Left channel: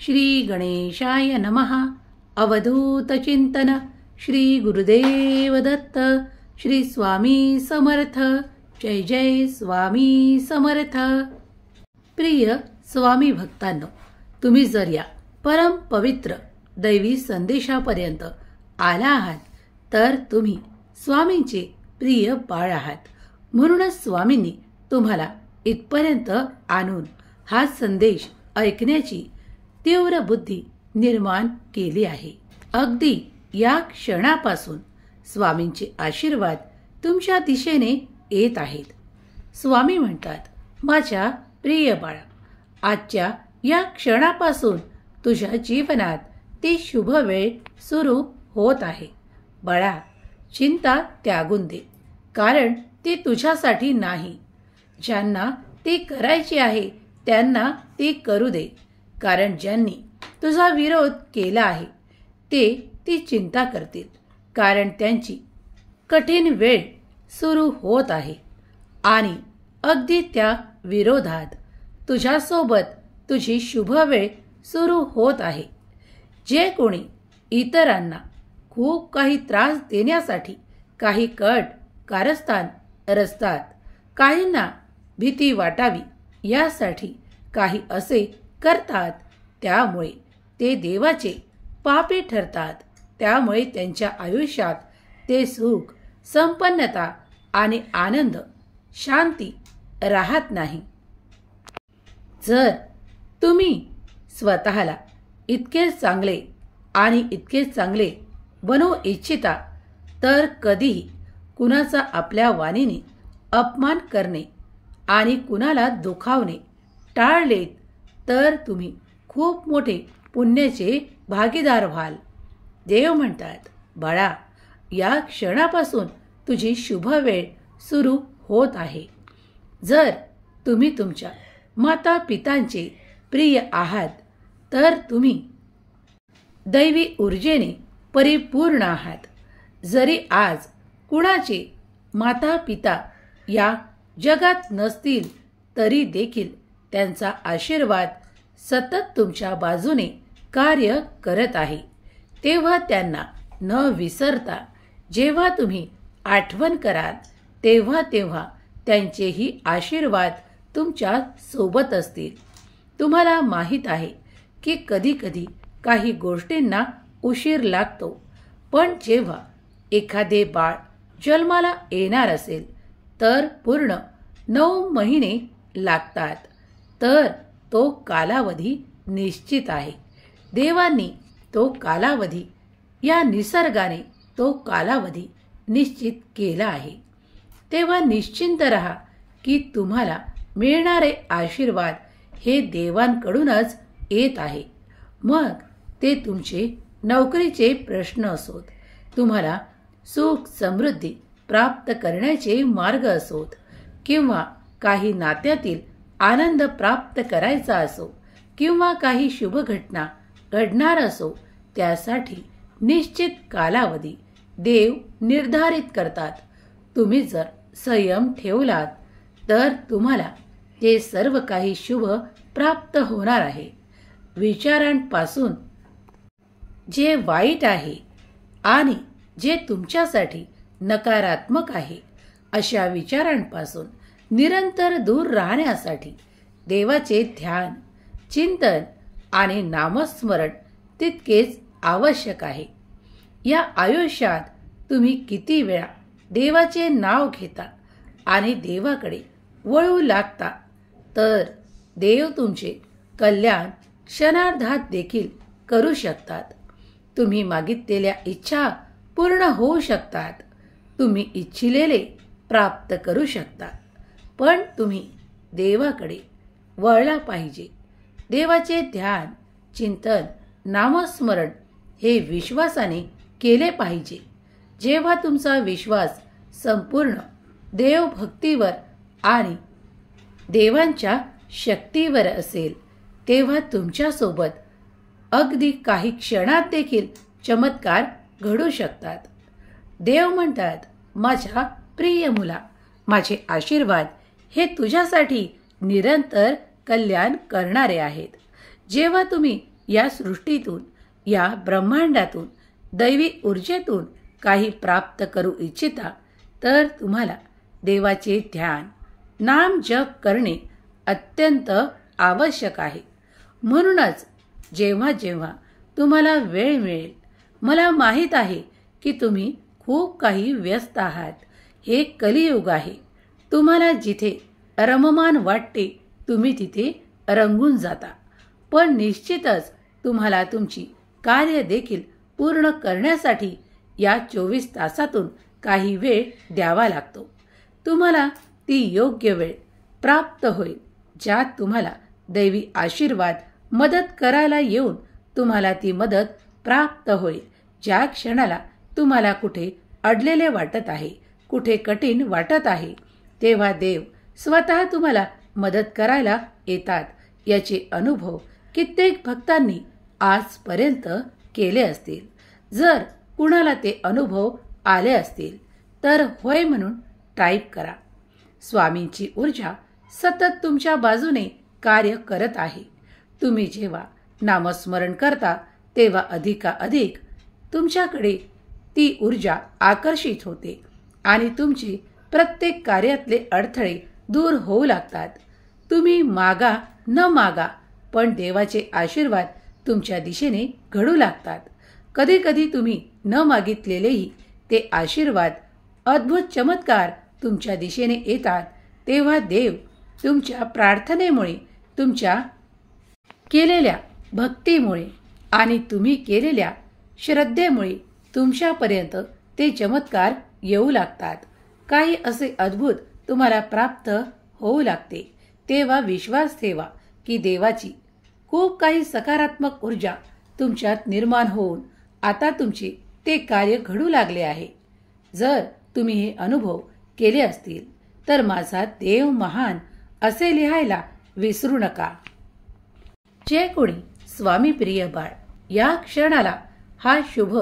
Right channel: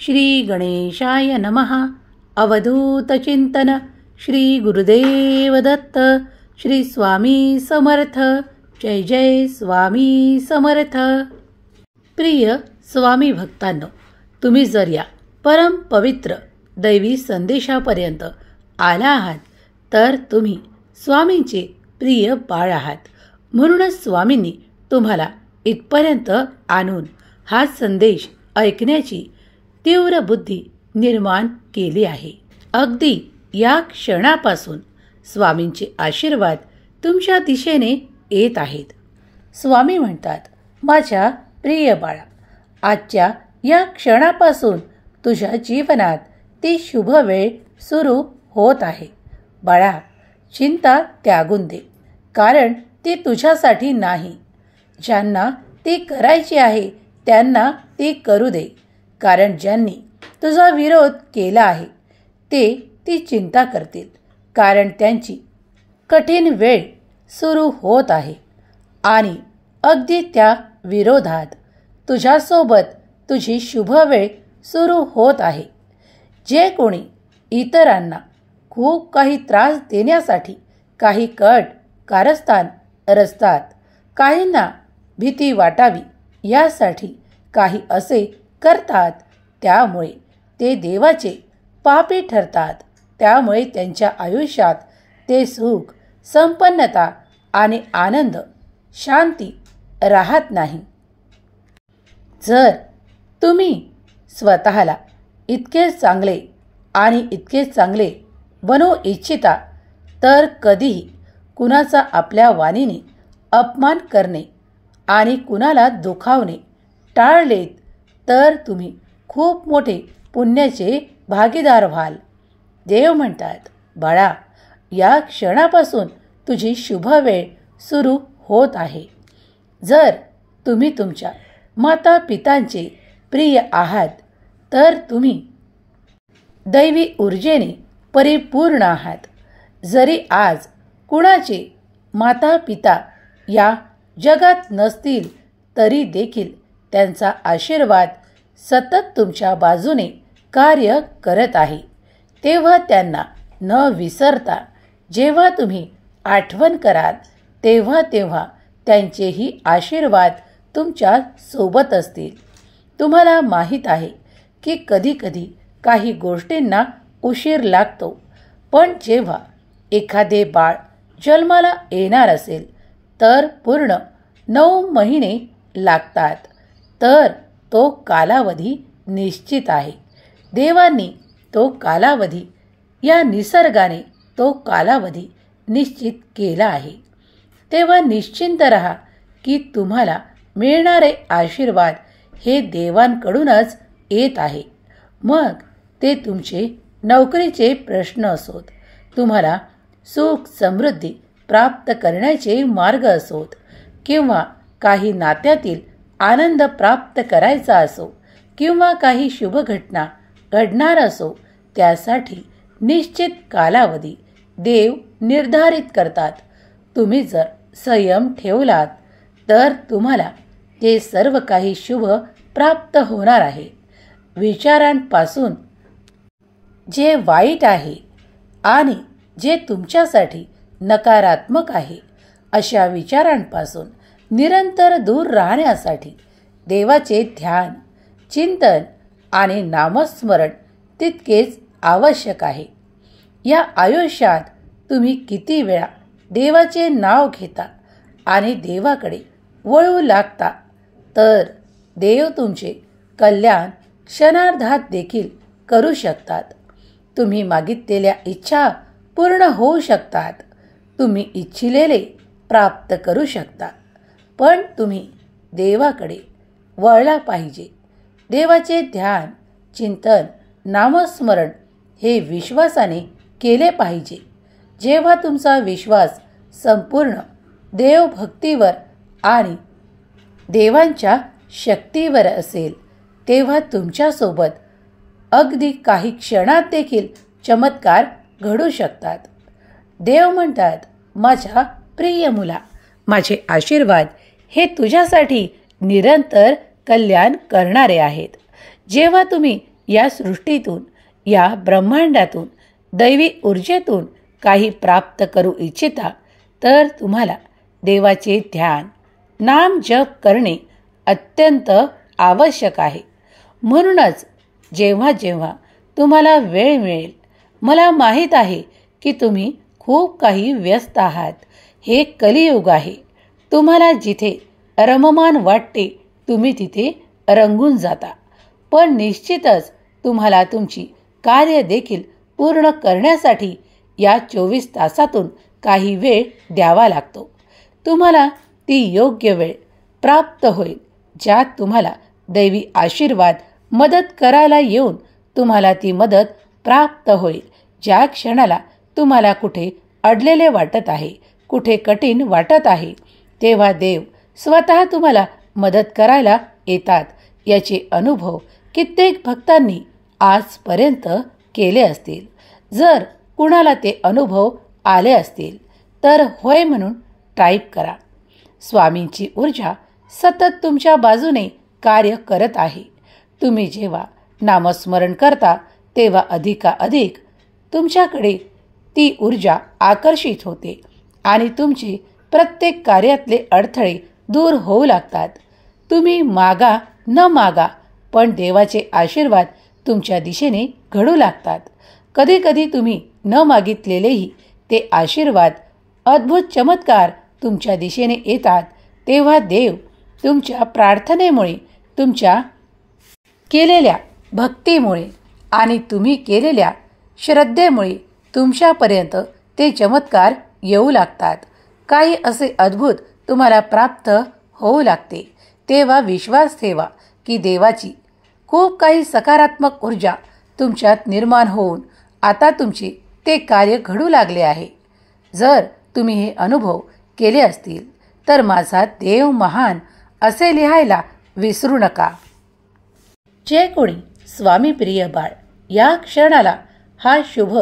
श्री गणेशाय नमः. अवधूत चिंतन. श्री गुरुदेव दत्त. श्री स्वामी समर्थ. जय जय स्वामी समर्थ. प्रिय स्वामी भक्तांनो, तुम्ही जर या परम पवित्र दैवी संदेशापर्यंत आला आहात तर तुम्ही स्वामींचे प्रिय बाळ आहात. म्हणूनच स्वामींनी तुम्हाला इथपर्यंत आणून हा संदेश ऐकण्याची तीव्र बुद्धी निर्माण केली आहे. अगदी या क्षणापासून स्वामींचे आशीर्वाद तुमच्या दिशेने येत आहेत. स्वामी म्हणतात, माझ्या प्रिय बाळा, आजच्या या क्षणापासून तुझ्या जीवनात ती शुभ वेळ सुरू होत आहे. बाळा, चिंता त्यागून दे, कारण ती तुझ्यासाठी नाही. ज्यांना ती करायची आहे त्यांना ती करू दे, कारण ज्यांनी तुझा विरोध केला आहे ते ती चिंता करतील, कारण त्यांची कठीण वेळ सुरू होत आहे. आणि अगदी त्या विरोधात तुझ्यासोबत तुझी शुभ वेळ सुरू होत आहे. जे कोणी इतरांना खूप काही त्रास देण्यासाठी काही कट कारस्थान रचतात, काहींना भीती वाटावी यासाठी काही असे करतात, त्यामुळे ते देवाचे पापी ठरतात. त्यामुळे त्यांच्या आयुष्यात ते सुख, संपन्नता आणि आनंद, शांती राहत नाही. जर तुम्ही स्वतःला इतके चांगले आणि इतके चांगले बनवू इच्छिता तर कधीही कुणाचा आपल्या वाणीने अपमान करणे आणि कुणाला दुखावणे टाळलेत तर तुम्ही खूप मोठे पुण्याचे भागीदार व्हाल. देव म्हणतात, बाळा, या क्षणापासून तुझी शुभ वेळ सुरू होत आहे. जर तुम्ही तुमच्या माता पितांचे प्रिय आहात तर तुम्ही दैवी ऊर्जेने परिपूर्ण आहात. जरी आज कुणाचे माता पिता या जगात नसतील तरी देखील त्यांचा आशीर्वाद सतत तुमच्या बाजूने कार्य करत आहे. तेव्हा त्यांना न विसरता जेव्हा तुम्ही आठवण कराल तेव्हा तेव्हा त्यांचेही आशीर्वाद तुमच्या सोबत असतील. तुम्हाला माहीत आहे की कधीकधी काही गोष्टींना उशीर लागतो, पण जेव्हा एखादे बाळ जन्माला येणार असेल तर पूर्ण 9 महिने लागतात. तर तो कालावधी निश्चित आहे. देवांनी तो कालावधी, या निसर्गाने तो कालावधी निश्चित केला आहे. तेव्हा निश्चिंत रहा की तुम्हाला मिळणारे आशीर्वाद हे देवांकडूनच येत आहे. मग ते तुमचे नोकरीचे प्रश्न असोत, तुम्हाला सुख समृद्धी प्राप्त करण्याचे मार्ग असोत, किंवा काही नात्यातील आनंद प्राप्त करायचा असो, किंवा काही शुभ घटना घडणार असो, त्यासाठी निश्चित कालावधी देव निर्धारित करतात. तुम्ही जर संयम ठेवलात तर तुम्हाला ते सर्व काही शुभ प्राप्त होणार आहे. विचारांपासून जे वाईट आहे आणि जे तुमच्यासाठी नकारात्मक आहे अशा विचारांपासून निरंतर दूर राहण्यासाठी देवाचे ध्यान, चिंतन आणि नामस्मरण तितकेच आवश्यक आहे. या आयुष्यात तुम्ही किती वेळा देवाचे नाव घेता आणि देवाकडे वळू लागता तर देव तुमचे कल्याण क्षणार्धात देखील करू शकतात. तुम्ही मागितलेल्या इच्छा पूर्ण होऊ शकतात. तुम्ही इच्छिलेले प्राप्त करू शकता. पण तुम्ही देवाकडे वळला पाहिजे. देवाचे ध्यान, चिंतन, नामस्मरण हे विश्वासाने केले पाहिजे. जेव्हा तुमचा विश्वास संपूर्ण देवभक्तीवर आणि देवांच्या शक्तीवर असेल तेव्हा तुमच्यासोबत अगदी काही क्षणात देखील चमत्कार घडू शकतात. देव म्हणतात, माझ्या प्रिय मुला, माझे आशीर्वाद हे तुझ्यासाठी निरंतर कल्याण करणारे आहेत. जेव्हा तुम्ही या सृष्टीतून, या ब्रह्मांडातून, दैवी ऊर्जेतून काही प्राप्त करू इच्छिता तर तुम्हाला देवाचे ध्यान, नाम जप करणे अत्यंत आवश्यक आहे. म्हणूनच जेव्हा जेव्हा तुम्हाला वेळ मिळेल, मला माहीत आहे की तुम्ही खूप काही व्यस्त आहात. हे कलियुग आहे. तुम्हाला जिथे रममान वाटते तुम्ही तिथे रंगून जाता. पण निश्चितच तुम्हाला तुमची कार्य देखील पूर्ण करण्यासाठी या 24 तासातून काही वेळ द्यावा लागतो. तुम्हाला ती योग्य वेळ प्राप्त होईल ज्यात तुम्हाला दैवी आशीर्वाद मदत करायला येऊन तुम्हाला ती मदत प्राप्त होईल. ज्या क्षणाला तुम्हाला कुठे अडलेले वाटत आहे, कुठे कठीण वाटत आहे, तेव्हा देव स्वतः तुम्हाला मदत करायला येतात. याचे अनुभव कित्येक भक्तांनी आजपर्यंत केले असतील. जर कुणाला ते अनुभव आले असतील तर होय म्हणून टाईप करा. स्वामींची ऊर्जा सतत तुमच्या बाजूने कार्य करत आहे. तुम्ही जेव्हा नामस्मरण करता तेव्हा अधिकाधिक तुमच्याकडे ती ऊर्जा आकर्षित होते आणि तुमचे प्रत्येक कार्यातले अडथळे दूर होऊ लागतात. तुम्ही मागा न मागा पण देवाचे आशीर्वाद तुमच्या दिशेने घडू लागतात. कधीकधी तुम्ही न मागितलेलेही ते आशीर्वाद, अद्भुत चमत्कार तुमच्या दिशेने येतात. तेव्हा देव तुमच्या प्रार्थनेमुळे, तुमच्या केलेल्या भक्तीमुळे आणि तुम्ही केलेल्या श्रद्धेमुळे तुमच्यापर्यंत ते चमत्कार येऊ लागतात. काही असे अद्भुत तुम्हाला प्राप्त होऊ लागते. तेव्हा विश्वास ठेवा की देवाची खूप काही सकारात्मक ऊर्जा तुमच्यात निर्माण होऊन आता तुमचे ते कार्य घडू लागले आहे. जर तुम्ही हे अनुभव केले असतील तर माझा देव महान असे लिहायला विसरू नका. जे कोणी स्वामी प्रिय बाळ या क्षणाला हा शुभ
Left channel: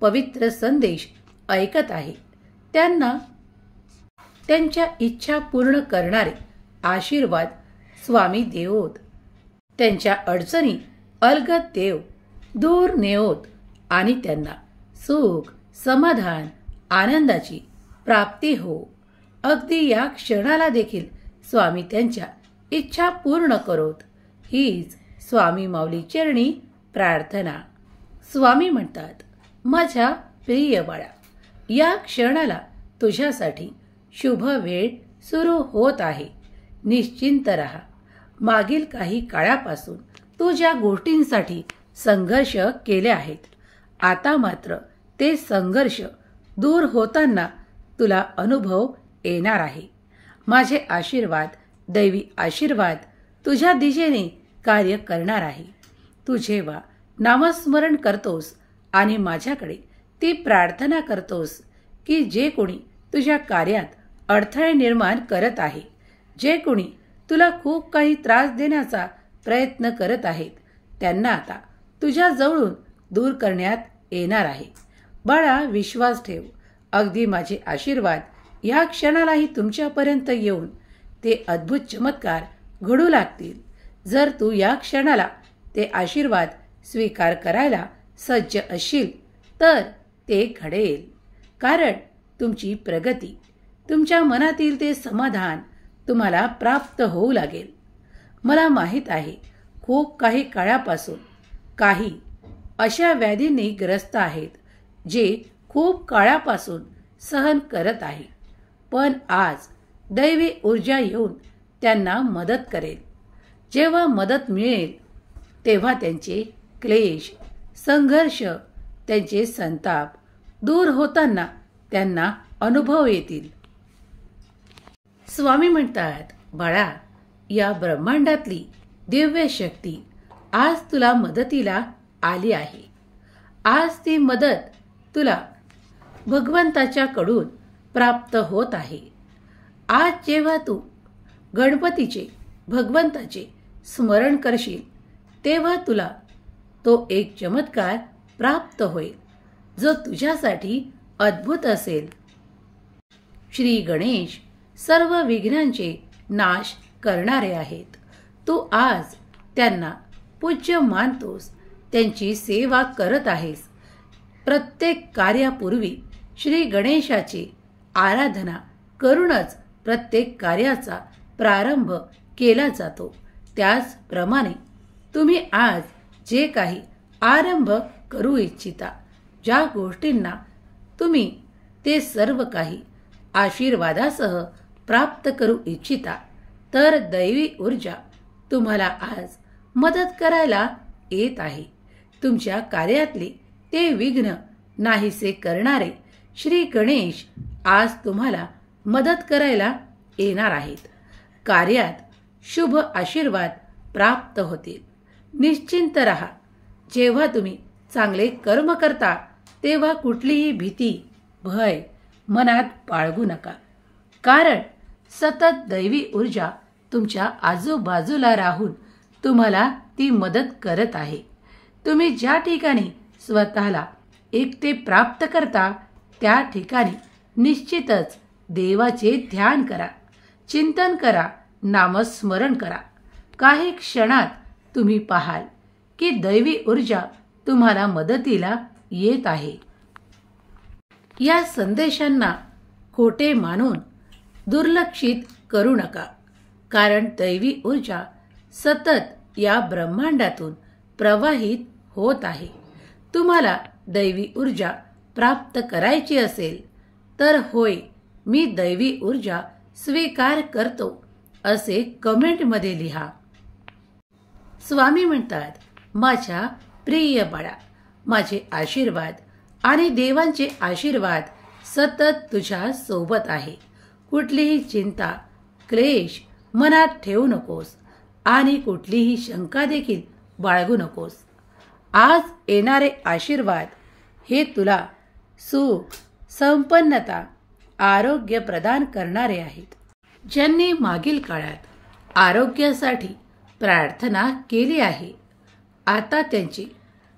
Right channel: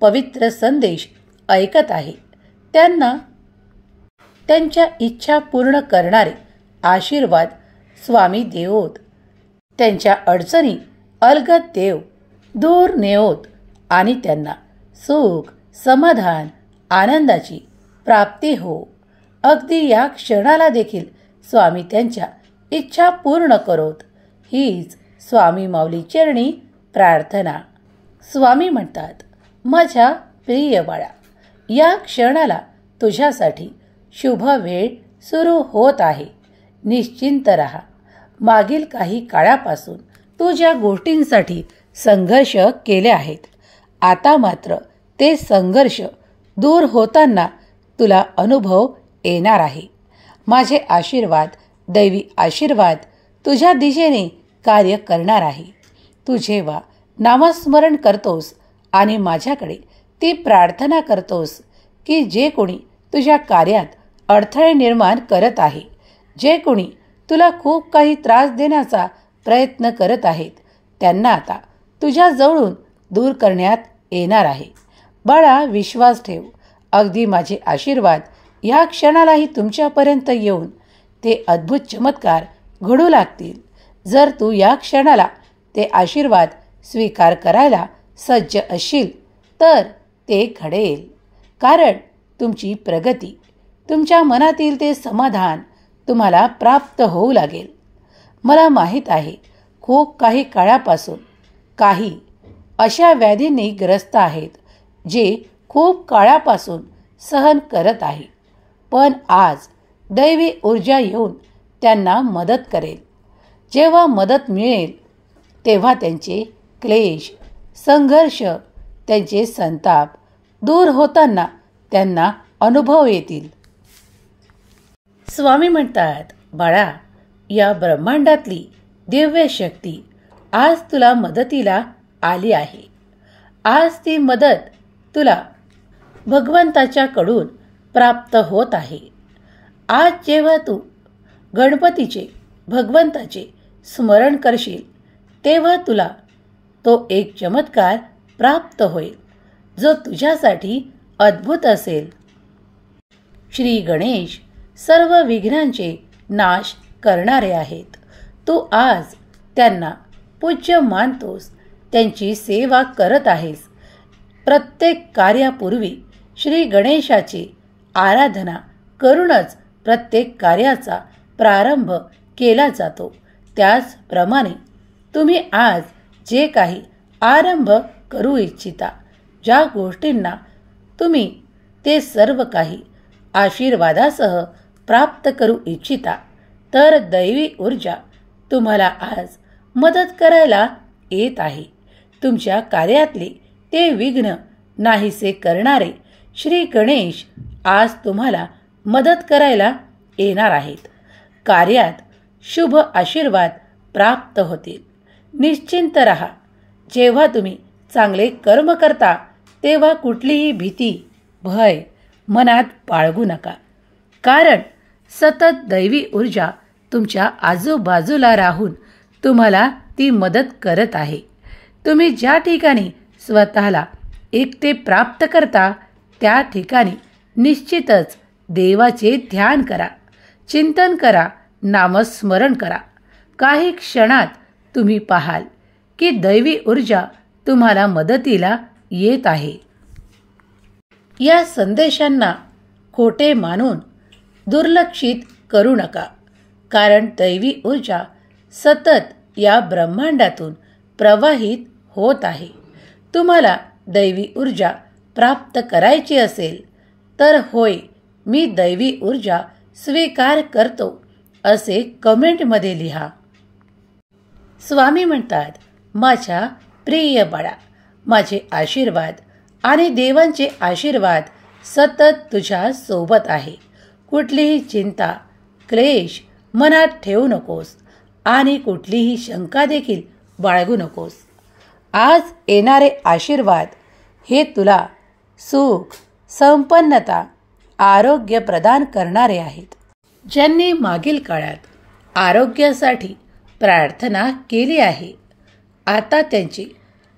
पवित्र संदेश ऐकत आहे त्यांना त्यांच्या इच्छा पूर्ण करणारे आशीर्वाद स्वामी देवोत. त्यांच्या अडचणी अलगद देव दूर नेओत आणि त्यांना सुख, समाधान, आनंदाची प्राप्ती हो. अगदी या क्षणाला देखील स्वामी त्यांच्या इच्छा पूर्ण करोत. हीच स्वामी माऊली चरणी प्रार्थना. स्वामी म्हणतात, माझ्या प्रिय बाळा, या क्षणाला तुझ्यासाठी शुभ वेळ सुरू होत आहे. निश्चिंत रहा. मागील काही काळापासून तू ज्या गोष्टींसाठी संघर्ष केले आहेत, आता मात्र ते संघर्ष दूर होताना तुला अनुभव येणार आहे. माझे आशीर्वाद, दैवी आशीर्वाद तुझ्या दिशेने कार्य करणार आहे. तू जेव्हा नामस्मरण करतोस आणि माझ्याकडे ती प्रार्थना करतोस की जे कोणी तुझ्या कार्यात अडथळे निर्माण करत आहे, जे कोणी तुला खूप काही त्रास देण्याचा प्रयत्न करत आहेत, त्यांना आता तुझ्या जवळून दूर करण्यात येणार आहे. बाळा, विश्वास ठेव. अगदी माझे आशीर्वाद या क्षणालाही तुमच्यापर्यंत येऊन ते अद्भुत चमत्कार घडू लागतील. जर तू या क्षणाला ते आशीर्वाद स्वीकार करायला सज्ज असशील तर ते घडेल. कारण तुमची प्रगती, तुमच्या मनातील ते समाधान तुम्हाला प्राप्त होऊ लागेल. मला माहीत आहे खूप काही काळापासून काही अशा व्याधींनी ग्रस्त आहेत जे खूप काळापासून सहन करत आहे. पण आज दैवी ऊर्जा येऊन त्यांना मदत करेल. जेव्हा मदत मिळेल तेव्हा त्यांचे क्लेश, संघर्ष, त्यांचे संताप दूर होताना त्यांना अनुभव येतील. स्वामी म्हणतात, बाळा, या ब्रह्मांडातली दिव्य शक्ती आज तुला मदतीला आली आहे. आज ती मदत तुला भगवंताच्याकडून प्राप्त होत आहे. आज जेव्हा तू गणपतीचे, भगवंताचे स्मरण करशील तेव्हा तुला तो एक चमत्कार प्राप्त होईल जो तुझ्यासाठी अद्भुत असेल. श्री गणेश सर्व विघ्नांचे नाश करणारे आहेत. तू आज त्यांना पूज्य मानतोस त्यांची सेवा करत आहेस. प्रत्येक कार्यापूर्वी श्री गणेशाची आराधना करूनच प्रत्येक कार्याचा प्रारंभ केला जातो. त्याचप्रमाणे तुम्ही आज जे काही आरंभ करू इच्छिता, ज्या गोष्टींना तुम्ही ते सर्व काही आशीर्वादासह प्राप्त करू इच्छिता, तर दैवी ऊर्जा तुम्हाला आज मदत करायला येत आहे. तुमच्या कार्यातले ते विघ्न नाहीसे करणारे श्री गणेश आज तुम्हाला मदत करायला येणार आहेत. कार्यात शुभ आशीर्वाद प्राप्त होतील. निश्चिंत रहा. जेव्हा तुम्ही चांगले कर्म करता तेव्हा कुठलीही भीती, भय मनात बाळगू नका. कारण सतत दैवी ऊर्जा तुमच्या आजूबाजूला राहून तुम्हाला ती मदत करत आहे. तुम्ही ज्या ठिकाणी स्वतःला एकटे प्राप्त करता त्या ठिकाणी निश्चितच देवाचे ध्यान करा, चिंतन करा, नामस्मरण करा. काही क्षणात तुम्ही पाहाल की दैवी ऊर्जा तुम्हाला मदतीला येत आहे. या संदेशांना खोटे मानून दुर्लक्षित करू नका. कारण दैवी ऊर्जा सतत या ब्रह्मांडातून प्रवाहित होत आहे. तुम्हाला दैवी ऊर्जा प्राप्त करायची असेल तर होय, मी दैवी ऊर्जा स्वीकार करतो असे कमेंटमध्ये लिहा. स्वामी म्हणतात, माझ्या प्रिय बाळा, माझे आशीर्वाद आणि देवांचे आशीर्वाद सतत तुझ्या सोबत आहे. कुठलीही चिंता, क्लेश मनात ठेवू नकोस आणि कुठलीही शंका देखील बाळगू नकोस. आज येणारे आशीर्वाद हे तुला सुख, संपन्नता, आरोग्य प्रदान करणारे आहेत. ज्यांनी मागील काळात आरोग्यासाठी प्रार्थना केली आहे, आता त्यांचे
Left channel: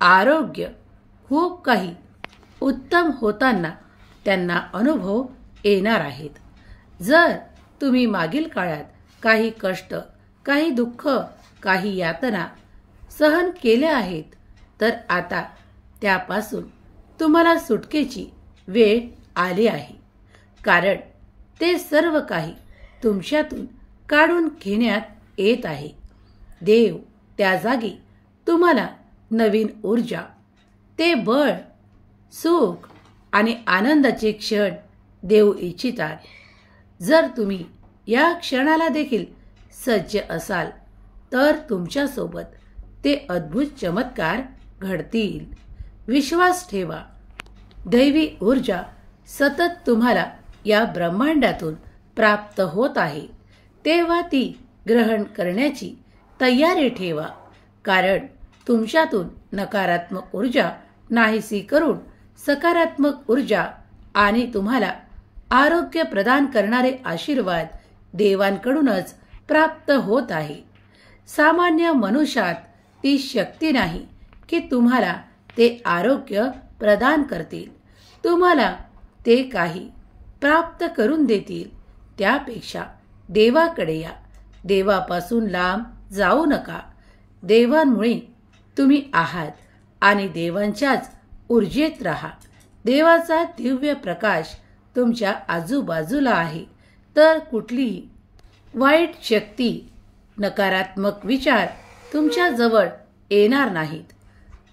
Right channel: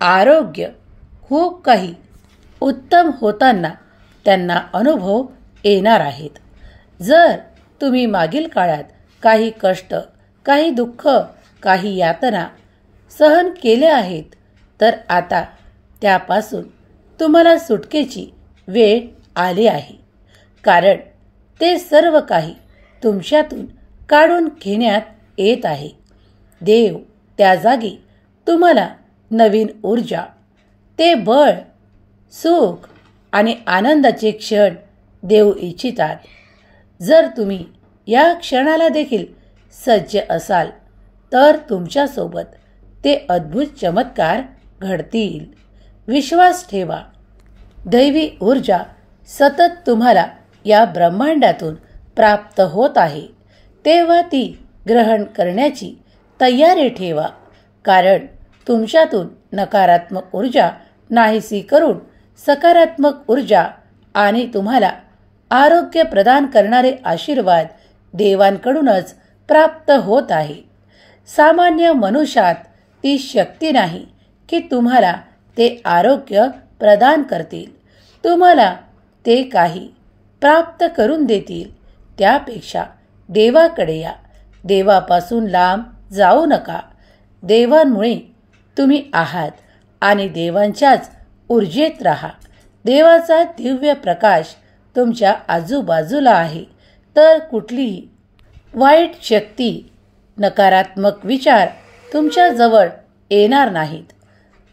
आरोग्य खूप काही उत्तम होताना त्यांना अनुभव येणार आहेत. जर तुम्ही मागील काळात काही कष्ट, काही दुःख, काही यातना सहन केल्या आहेत, तर आता त्यापासून तुम्हाला सुटकेची वेळ आली आहे. कारण ते सर्व काही तुमच्यातून काढून घेण्यात येत आहे. देव त्या जागी तुम्हाला नवीन ऊर्जा, ते बळ, सुख आणि आनंदाचे क्षण देऊ इच्छितात. जर तुम्ही या क्षणाला देखील सज्ज असाल तर तुमच्यासोबत ते अद्भुत चमत्कार घडतील. विश्वास ठेवा. दैवी ऊर्जा सतत तुम्हाला या ब्रह्मांडातून प्राप्त होत आहे. तेव्हा ती ग्रहण करण्याची तयारी ठेवा. कारण तुमच्यातून नकारात्मक ऊर्जा नाहीसी करून सकारात्मक ऊर्जा आणि तुम्हाला आरोग्य प्रदान करणारे आशीर्वाद देवांकडूनच प्राप्त होत आहे. सामान्य मनुष्यात ती शक्ती नाही की तुम्हाला ते आरोग्य प्रदान करतील, तुम्हाला ते काही प्राप्त करून देतील. त्यापेक्षा देवाकडे या. देवापासून लांब जाऊ नका. देवांमुळे तुम्ही आहात आणि देवांच्याच ऊर्जेत राहा. देवाचा दिव्य प्रकाश तुमच्या आजूबाजूला आहे. तर कुठलीही वाईट शक्ती, नकारात्मक विचार तुमच्या जवळ येणार नाहीत.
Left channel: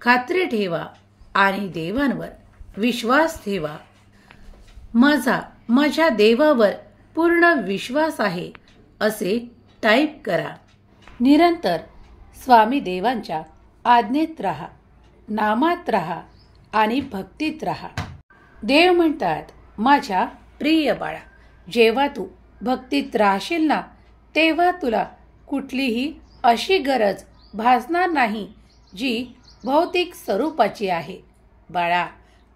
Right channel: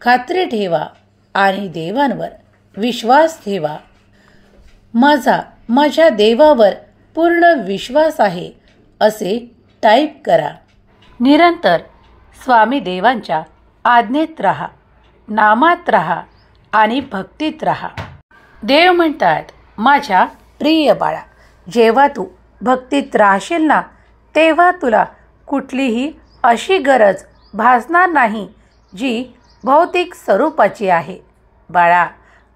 खात्री ठेवा आणि देवांवर विश्वास ठेवा. माझ्या देवावर पूर्ण विश्वास आहे असे टाईप करा. निरंतर स्वामी देवांच्या आज्ञेत राहा, नामात राहा आणि भक्तीत राहा. देव म्हणतात, माझ्या प्रिय बाळा, जेव्हा तू भक्तीत राहशील ना, तेव्हा तुला कुठलीही अशी गरज भासणार नाही जी भौतिक स्वरूपाची आहे बाळा.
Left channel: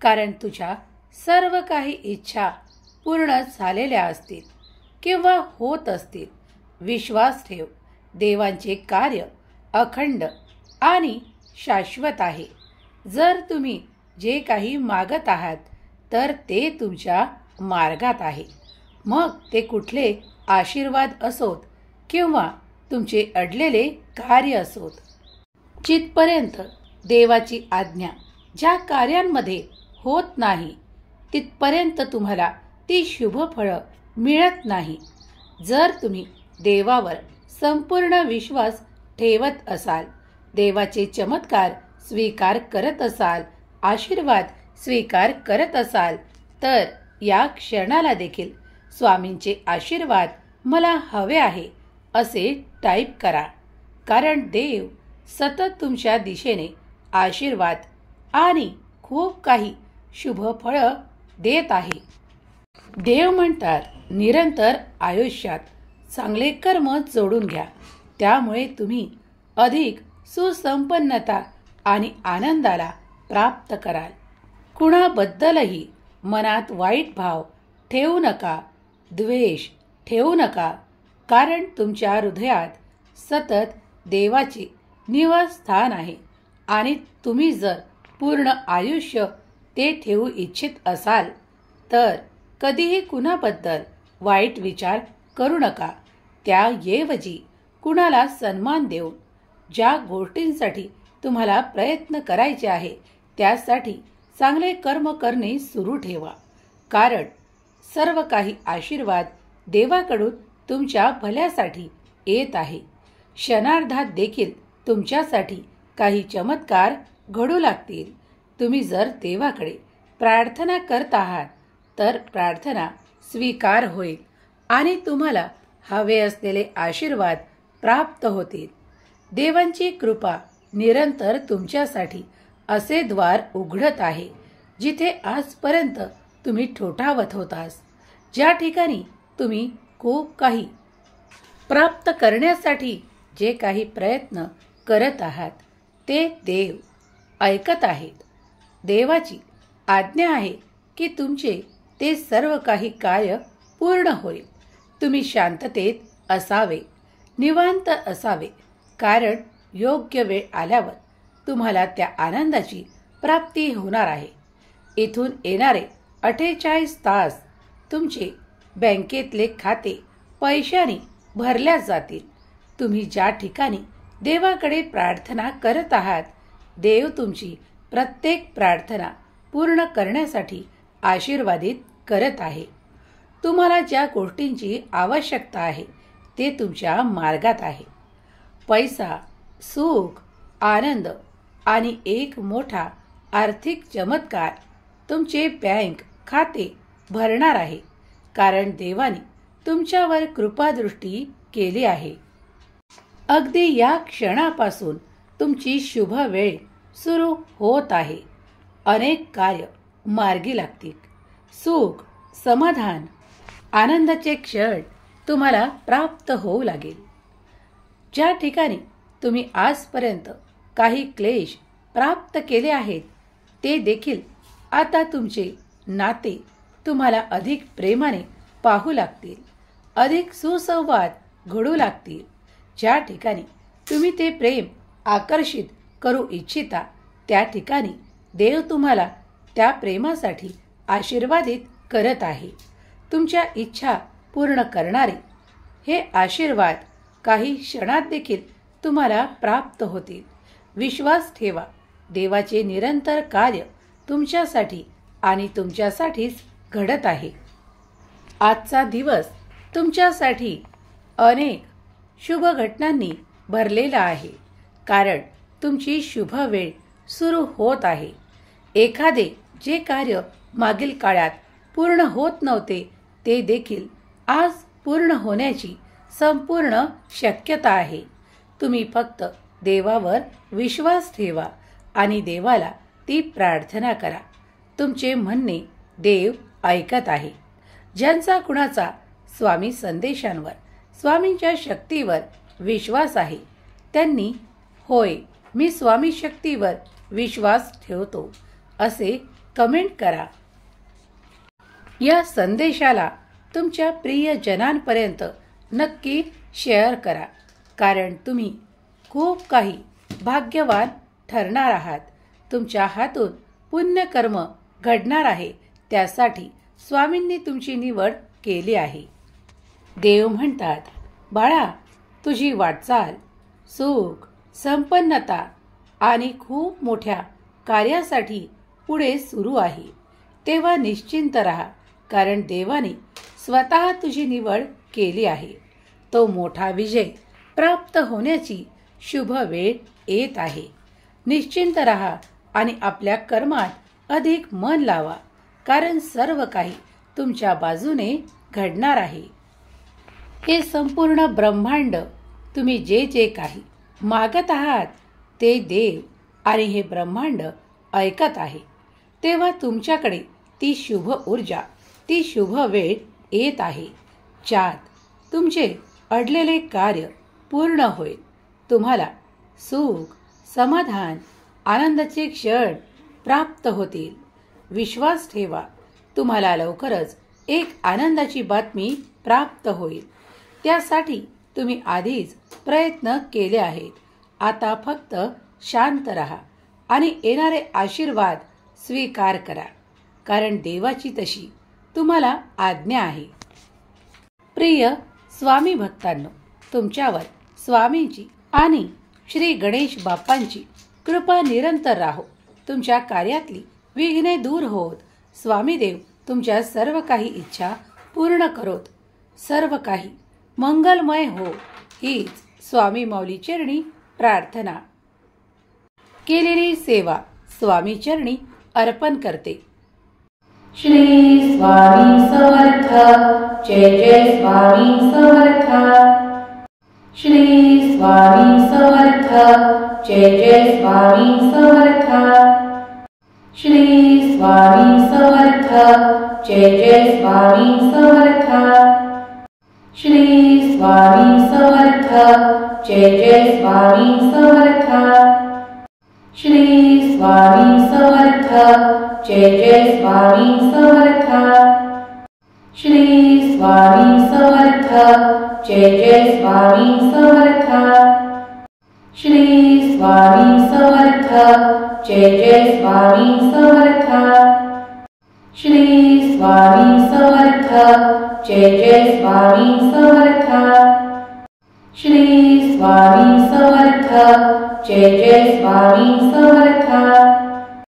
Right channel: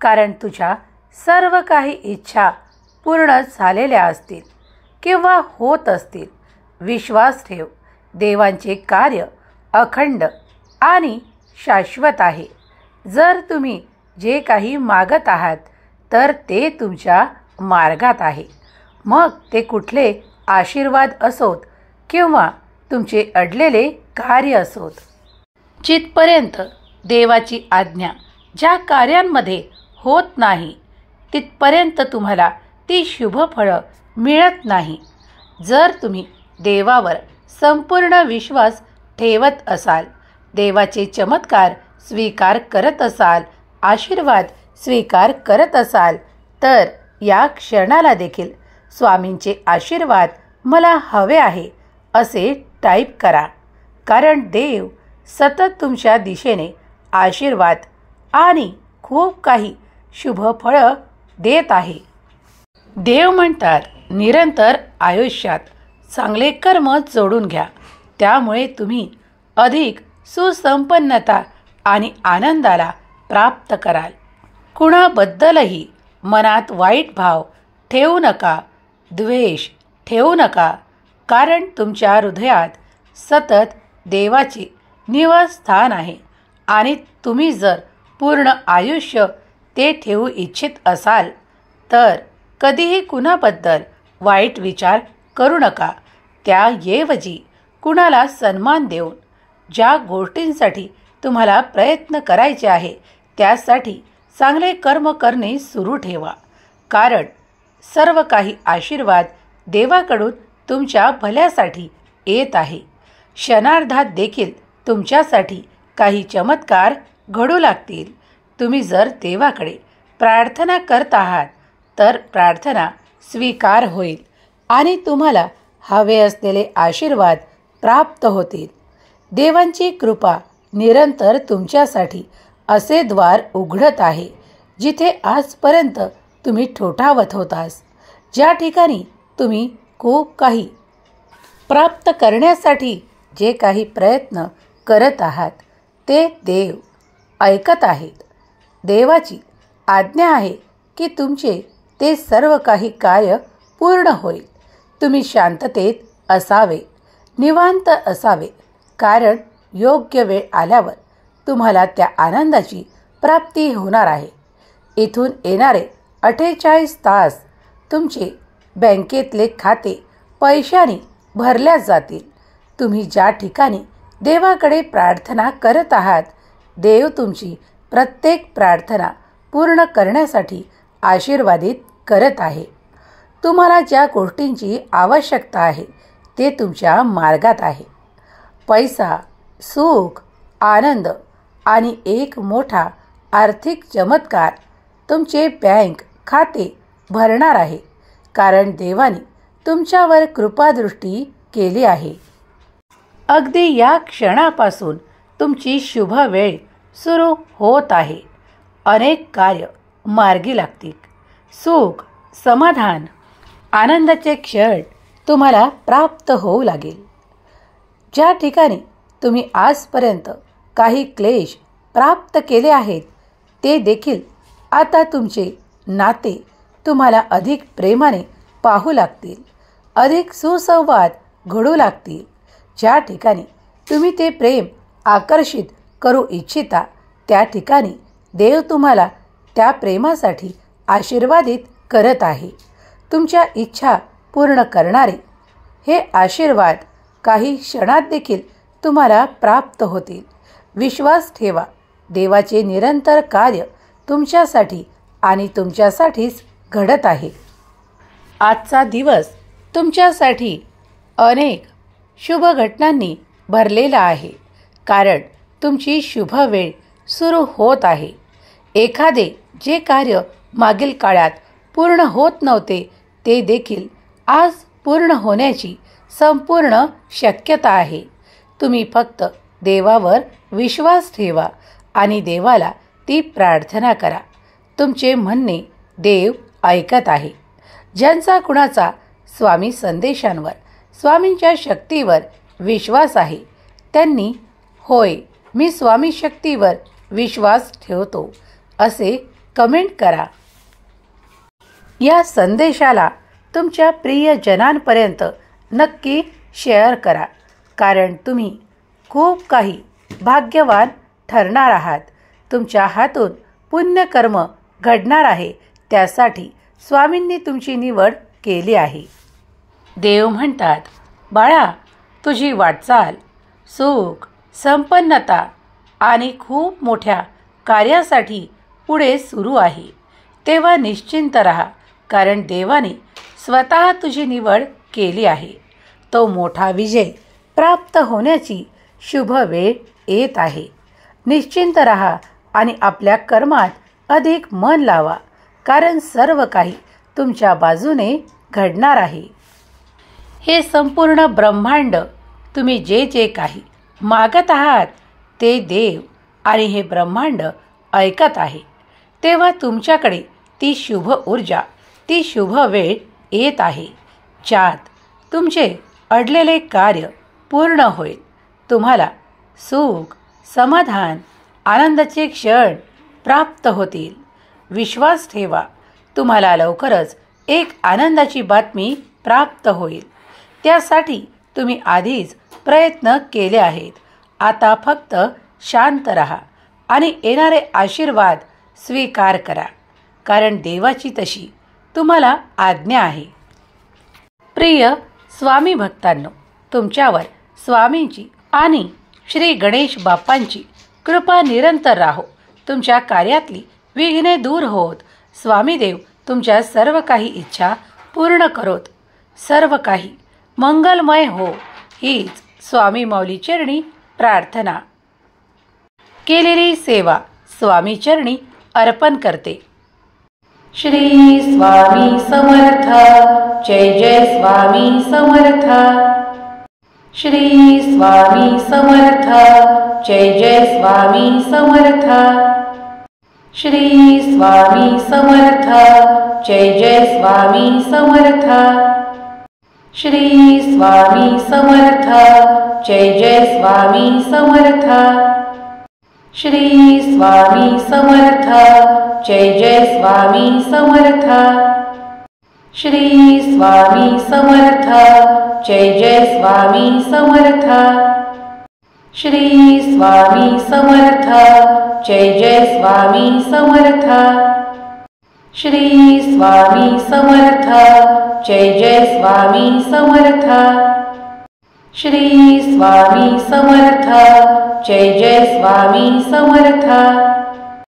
कारण तुझ्या सर्व काही इच्छा पूर्ण झालेल्या असतील किंवा होत असतील. विश्वास ठेव. देवांचे कार्य अखंड आणि शाश्वत आहे. जर तुम्ही जे काही मागत आहात तर ते तुमच्या मार्गात आहे. मग ते कुठले आशीर्वाद असोत किंवा तुमचे अडलेले कार्य असोत. जिथपर्यंत देवाची आज्ञा ज्या कार्यांमध्ये होत नाही तिथपर्यंत तुम्हाला ती शुभ फळं मिळत नाही. जर तुम्ही देवावर संपूर्ण विश्वास ठेवत असाल, देवाचे चमत्कार स्वीकार करत असाल, आशीर्वाद स्वीकार करत असाल, तर या क्षणाला देखील स्वामींचे आशीर्वाद मला हवे आहे असे टाईप करा. कारण देव सतत तुमच्या दिशेने आशीर्वाद आणि खूप काही शुभ फळं देत आहे. देव म्हणतात, निरंतर आयुष्यात चांगले कर्म जोडून घ्या. त्यामुळे तुम्ही अधिक सुसंपन्नता आणि आनंदाला प्राप्त कराल. कुणाबद्दलही मनात वाईट भाव ठेवू नका, द्वेष ठेवू नका. कारण तुमच्या हृदयात सतत देवाचे निवासस्थान आहे आणि तुम्ही जर पूर्ण आयुष्य ते ठेवू इच्छित असाल तर कधीही कुणाबद्दल वाईट विचार करू नका. त्याऐवजी कुणाला सन्मान देऊन ज्या गोष्टींसाठी तुम्हाला प्रयत्न करायचे आहे त्यासाठी चांगले कर्म करणे सुरू ठेवा. कारण सर्व काही आशीर्वाद देवाकडून तुमच्या भल्यासाठी येत आहे. क्षणार्धात देखील तुमच्यासाठी काही चमत्कार घडू लागतील. तुम्ही जर देवाकडे प्रार्थना करत आहात तर प्रार्थना स्वीकार होईल आणि तुम्हाला हवे असलेले आशीर्वाद प्राप्त होतील. देवांची कृपा निरंतर तुमच्यासाठी असे द्वार उघडत आहे जिथे आजपर्यंत तुम्ही ठोठावत होतास. ज्या ठिकाणी तुम्ही खूप काही प्राप्त करण्यासाठी जे काही प्रयत्न करत आहात ते देव ऐकत आहेत. देवाची आज्ञा आहे की तुमचे ते सर्व काही कार्य पूर्ण होईल. तुम्ही शांततेत असावे, निवांत असावे. कारण योग्य वेळ आल्यावर तुम्हाला त्या आनंदाची प्राप्ती होणार आहे. इथून येणारे 48 तास तुमचे बँकेतले खाते पैशाने भरल्या जातील. तुम्ही ज्या ठिकाणी देवाकडे प्रार्थना करत आहात देव तुमची प्रत्येक प्रार्थना पूर्ण करण्यासाठी आशीर्वादित करत आहे. तुम्हाला ज्या गोष्टींची आवश्यकता आहे ते तुमच्या मार्गात आहे. पैसा, सुख, आनंद आणि एक मोठा आर्थिक चमत्कार तुमचे बँक खाते भरणार आहे. कारण देवाने तुमच्यावर कृपादृष्टी केली आहे. अगदी या क्षणापासून तुमची शुभ वेळ सुरू होत आहे. अनेक कार्य मार्गी लागतील. सुख, समाधान, आनंदाचे क्षण तुम्हाला प्राप्त होऊ लागेल. ज्या ठिकाणी तुम्ही आजपर्यंत काही क्लेश प्राप्त केले आहेत ते देखील आता तुमचे नाते तुम्हाला अधिक प्रेमाने पाहू लागतील. अधिक सुसंवाद घडू लागतील. ज्या ठिकाणी तुम्ही ते प्रेम आकर्षित करू इच्छिता त्या ठिकाणी देव तुम्हाला त्या प्रेमासाठी आशीर्वादित करत आहे. तुमच्या इच्छा पूर्ण करणारे हे आशीर्वाद काही क्षणात देखील तुम्हाला प्राप्त होतील. विश्वास ठेवा. देवाचे निरंतर कार्य तुमच्यासाठी आणि तुमच्यासाठीच घडत आहे. आजचा दिवस तुमच्यासाठी अनेक शुभ घटनांनी भरलेला आहे. कारण तुमची शुभ वेळ सुरू होत आहे. एखादे जे कार्य मागील काळात पूर्ण होत नव्हते ते देखील आज पूर्ण होण्याची संपूर्ण शक्यता आहे. तुम्ही फक्त देवावर विश्वास ठेवा आणि देवाला ती प्रार्थना करा. तुमचे म्हणणे देव ऐकत आहे. ज्यांचा कुणाचा स्वामी संदेशांवर, स्वामींच्या शक्तीवर विश्वास आहे त्यांनी होय मी स्वामी शक्तीवर विश्वास ठेवतो असे कमेंट करा. या संदेशाला तुमच्या प्रियजनांपर्यंत नक्की शेअर करा. कारण तुम्ही खूप काही भाग्यवान ठरणार आहात. तुमच्या हातून पुण्यकर्म घडणार आहे. त्यासाठी स्वामींनी तुमची निवड केली आहे. देव म्हणतात, बाळा तुझी वाटचाल सुख, संपन्नता आणि खूप मोठ्या कार्यासाठी पुढे सुरू आहे, तेव्हा निश्चिंत राहा, कारण देवाने स्वतः तुझी निवड केली आहे. तो मोठा विजय प्राप्त होण्याची शुभ वेळ येत आहे. निश्चिंत राहा आणि आपल्या कर्मात अधिक मन लावा, कारण सर्व काही तुमच्या बाजूने घडणार आहे. हे संपूर्ण ब्रह्मांड, तुम्ही जे जे काही मागत आहात ते देव आणि हे ब्रह्मांड ऐकत आहे. तेव्हा तुमच्याकडे ती शुभ ऊर्जा, ती शुभ वेळ येत आहे, ज्यात तुमचे अडलेले कार्य पूर्ण होईल. तुम्हाला सुख, समाधान, आनंदाचे क्षण प्राप्त होतील. विश्वास ठेवा, तुम्हाला लवकरच एक आनंदाची बातमी प्राप्त होईल. त्यासाठी तुम्ही आधीच प्रयत्न केले आहेत. आता फक्त शांत राहा आणि येणारे आशीर्वाद स्वीकार करा, कारण देवाची तशी तुम्हाला आज्ञा आहे. प्रिय स्वामी भक्तांनो, तुमच्यावर स्वामींची आणि श्री गणेश बाप्पांची कृपा निरंतर राहो. तुमच्या कार्यातली विघ्ने दूर होत स्वामीदेव तुमच्या सर्व काही इच्छा पूर्ण करोत. सर्व काही मंगलमय हो, हीच स्वामी माऊली चरणी प्रार्थना. केलेली सेवा स्वामी चरणी अर्पण करते. श्री स्वामी समर्थ. जय जय स्वामी समर्थ. श्री स्वामी समर्थ. जय जय स्वामी समर्थ. श्री स्वामी समर्थ. जय जय स्वामी समर्थ. श्री स्वामी समर्थ. जय जय स्वामी समर्थ. श्री स्वामी समर्थ. जय जय स्वामी समर्थ. श्री स्वामी समर्थ. जय जय स्वामी समर्थ. श्री स्वामी समर्थ. जय जय स्वामी समर्थ. श्री स्वामी समर्थ. जय जय स्वामी समर्थ. श्री स्वामी समर्थ. जय जय स्वामी समर्थ.